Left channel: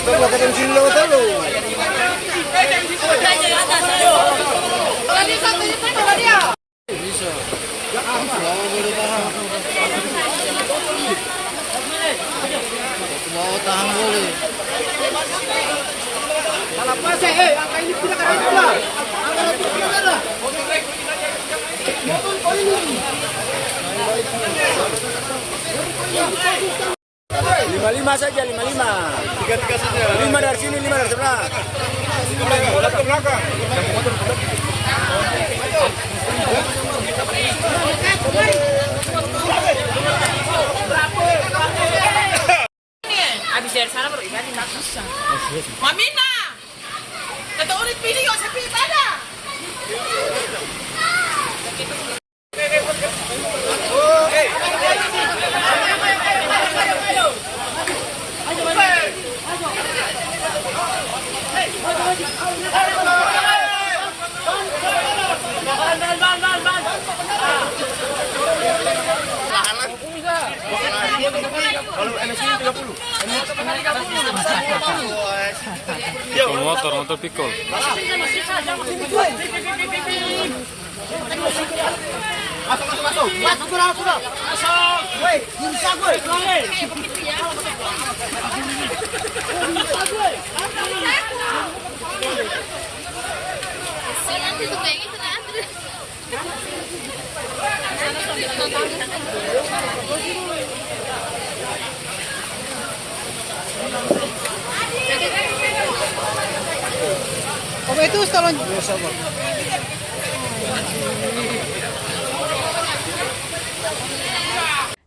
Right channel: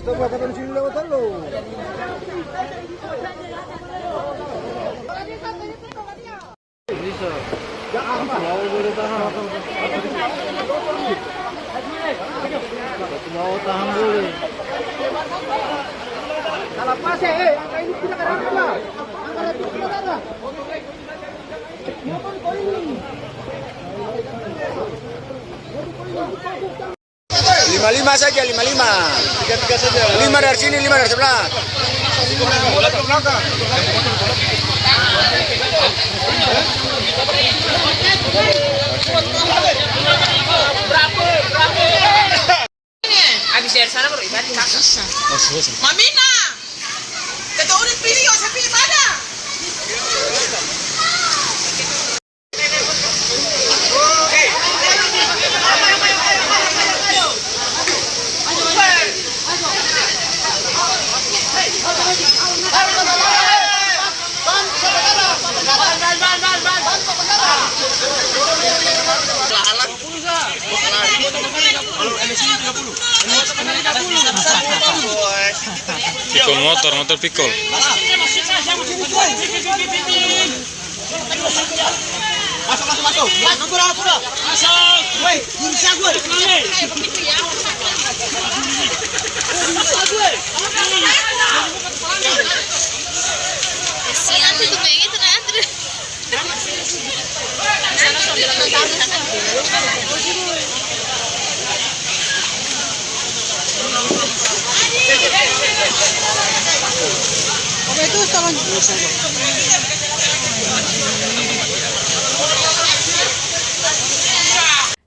Stop lah katong sini lewat dulu. Bisa. Mau boleh tahan. Mau tahan boleh. Salah pas angka ini tidak keren pula. Angka itu tidak ada. 55 saja, 55. 3 saja. 5 dari sini, 5 dari sebelah. Bola ke belakang. Habis dari sana baru ibadah kakak. Mamina, kita udah pilih, saya pilih mana? Pikul motor pikul.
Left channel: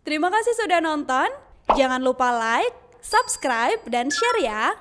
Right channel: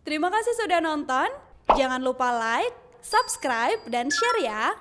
Terima kasih sudah nonton. Jangan lupa like, subscribe, dan share ya.